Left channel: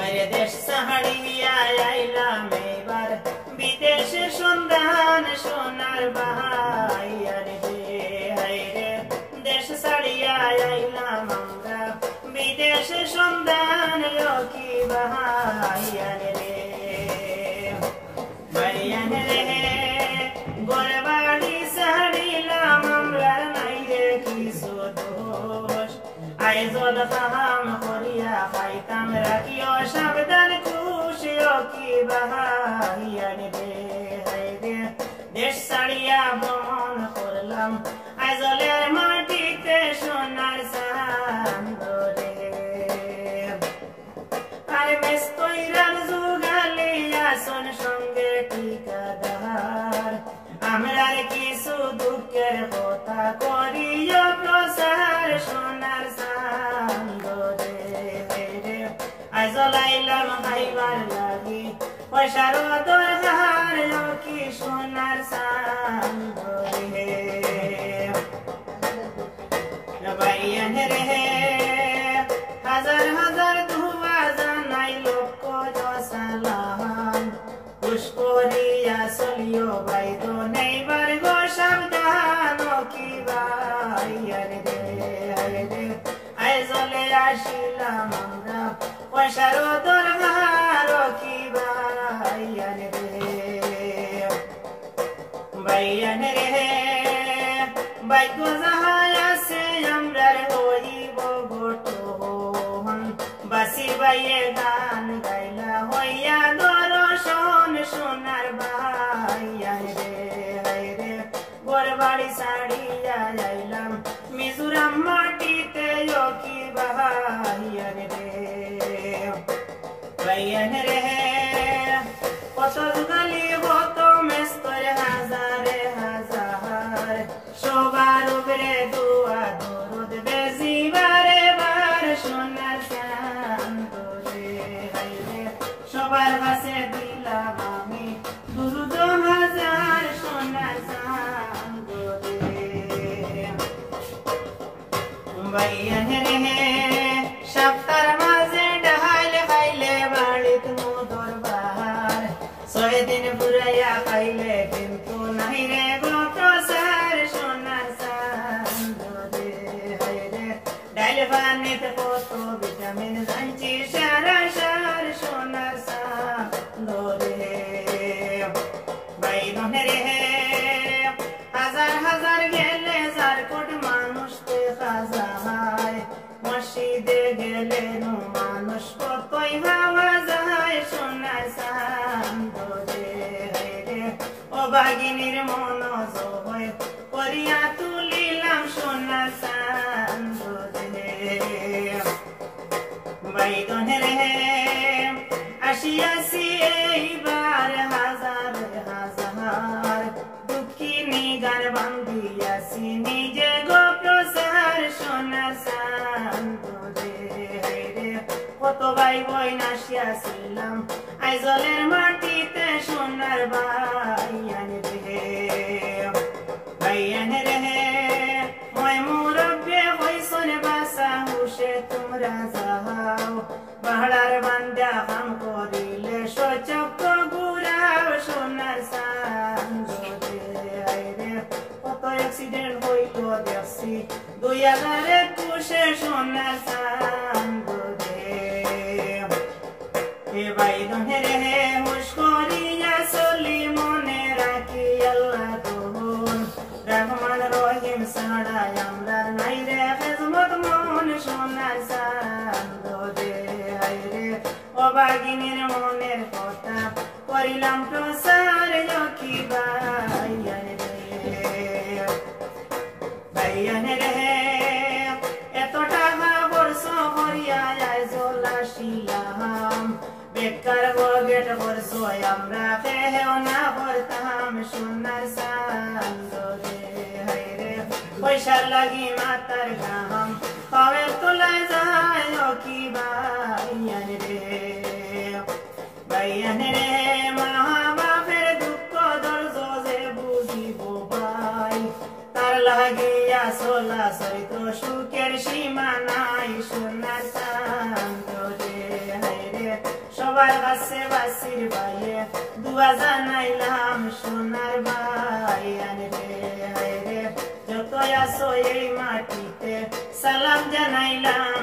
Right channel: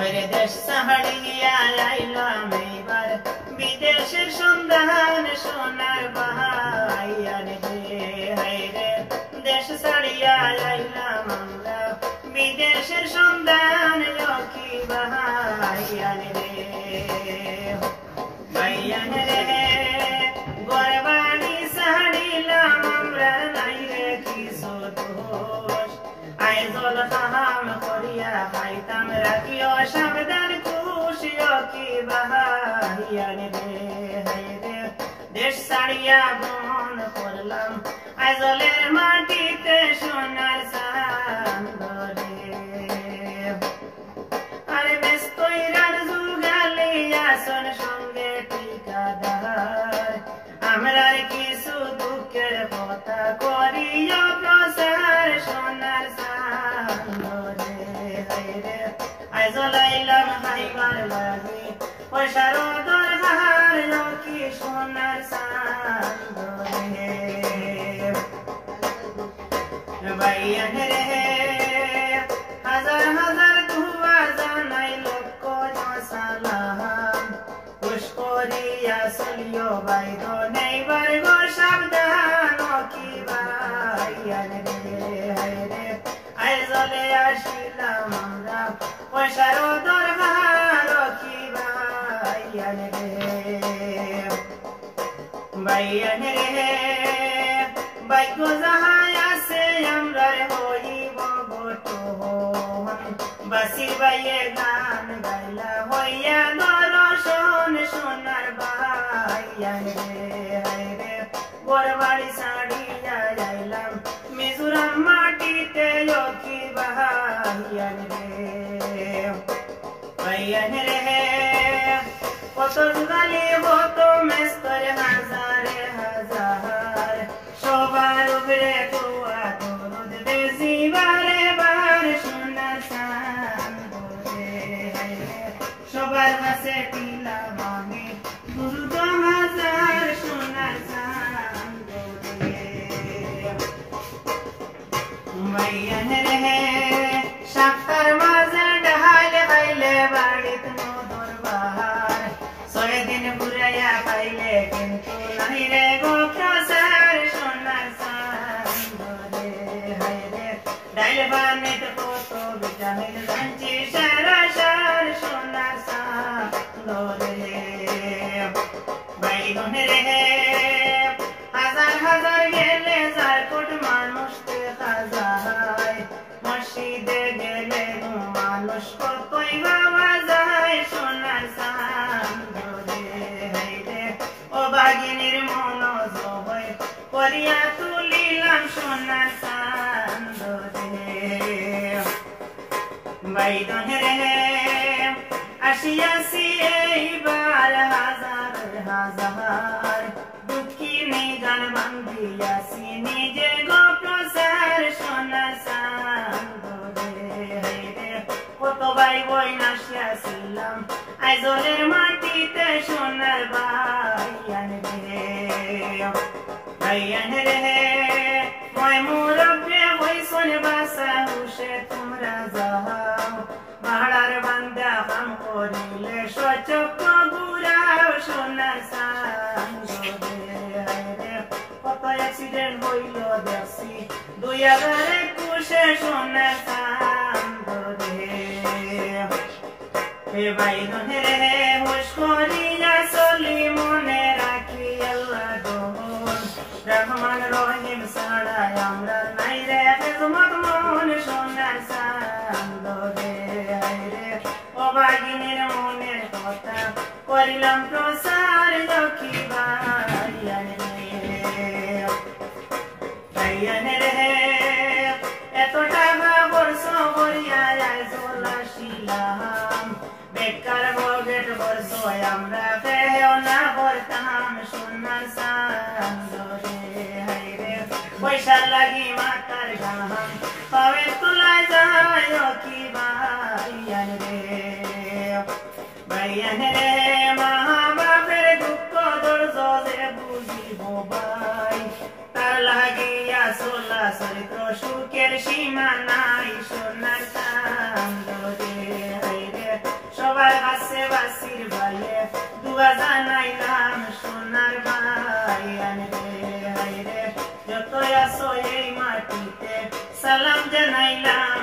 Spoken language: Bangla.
ওরে দেশ ছাড়িয়া আইলাম এইবার বিদেশে সন্ধান সোনার বাহাইয়ার রে হায়রে দেশ ছাড়িয়া আইলাম আমরা বিদেশে সন্ধান কি বাহাইয়ার রে ভাইয়ান রে গরবাড়ি ছাড়িলাম আমরা নাই রে কিছু দোষ আইজল কাম করিয়া খাইতাম রাখিও সাবধান খুশিও কি বাহাইয়ার রে হায়রে দেশ ছাড়িয়া ভ্রমণ করলাম আইজলের মাটিতে সোনার চাঁদ রে আরে বেশ কইরার যুগালিয়া সন সঙ্গে ঠিকাদার আমরার কিছু দুঃখের কথা করিও প্রচার সোনার চাঁদ রে হায়রে আইজল আইলাম খাইবার লাগি পয়সার দরকার কি সোনার চাঁদ রে ভাইয়ান রে হাজার হাজার দুয়া জানাই লক্ষ সালাম খুশ করিয়া চলিও বাইদ নেইবার গো সাবধান কি ভাইয়ান রে হায়রে আইজলে আসিলাম আমরা পয়সার দরকার কি ভাইয়ান রে ভাইয়ান রে ভাগ্য যাহাই আছে আমরার হইব গঠন বাসি বাইয়ে গান গাইলা হইয়া দর্শন সোনার ভাইয়ান রে হায়রে গরবাড়ি ছাড়িয়া আইলাম মিজোরাম মাটিতে কি ভাইয়ান রে ভাইয়ান রে কত যুগালি কত মেস্তর হাজারে হাজার সবার উপরে দোয়া দরুদ বেশি বারে বার সোনার চাঁদ রে হায়রে সবার কাছে দিলাম আমি দুরুদ হাজার সোনার চাঁদ রে ভাইয়ান রে সপ্তার মাঝে ডাল খাইলে বাড়িত দরবার 6 দিন পুরাইয়া পাইলে কিন্তু নাই রে গো প্রচার সোনার চাঁদ রে হায়রে ডাল বানিতে কত ভিটামিন কাঞ্চি সারা সার সোনার চাঁদ রে ভাইগণ রে হাজার হাজার গেলে 4 কোটি মানুষ দেখা যায় মসজিদে গেলে মানুষ কতই ভাবা যায় সোনার চাঁদ রে হায়রে ও বাগিনীর মন জয় করিয়া তুলিলাম সোনার চাঁদ রে ভাইগণ রে আসিয়াছি এইবার হাজার হাজার দুঃখিনী গান বান্ধিয়াছি নিজে গো প্রচার সোনার চাঁদ রে হায়রে কত ভাই বই নাসিয়াছিলাম আইজলের মাটিতে সোনার ভাইয়ান রে ভাইয়ান রে মই মুরব্বে হইছন বাসা হুশে তোমরা যাও বাহার বান্দা কাম করিলে সচক্ষ গুড়াও সোনার চাঁদ রে হায়রে কত অ্যাক্সিডেন্ট হইল দেখছি 2021 সোনার চাঁদ রে হে ভাইগণ রে হুশ করিয়া চলি মনে রাখি আল্লাহ দোহন রহমান রহিম ছাড়া আমরা নাই রে খেজমত মন সোনার চাঁদ রে হায়রে ও বাগিনীর মনের কথা করিলাম প্রচার লক্ষ্মী ভাইয়ান রে ভাইয়ান রে এত টাকা বর্ষ করিয়া আইজল আসিলাম বেকার বগেট বর্ষ আমরা কেউ না করতাম সোনার চাঁদ রে হায়রে পয়সার লাগি মাতার গাম তবে তোলা যায় কি ভাইয়ান রে ভাইয়ান রে মা বাপের দুঃখ দর্জ যে বুঝিব ভাই তার লাগিয়া চলা চরিত্র সুখের সীমা নাই সোনার চাঁদ রে হায়রে আছে বাসির ভাইয়ে দুয়া জানাইলাম সোনার ভাই আনে রে হায় রে যত আসো এই মাটিতে সালাম জানাইলাম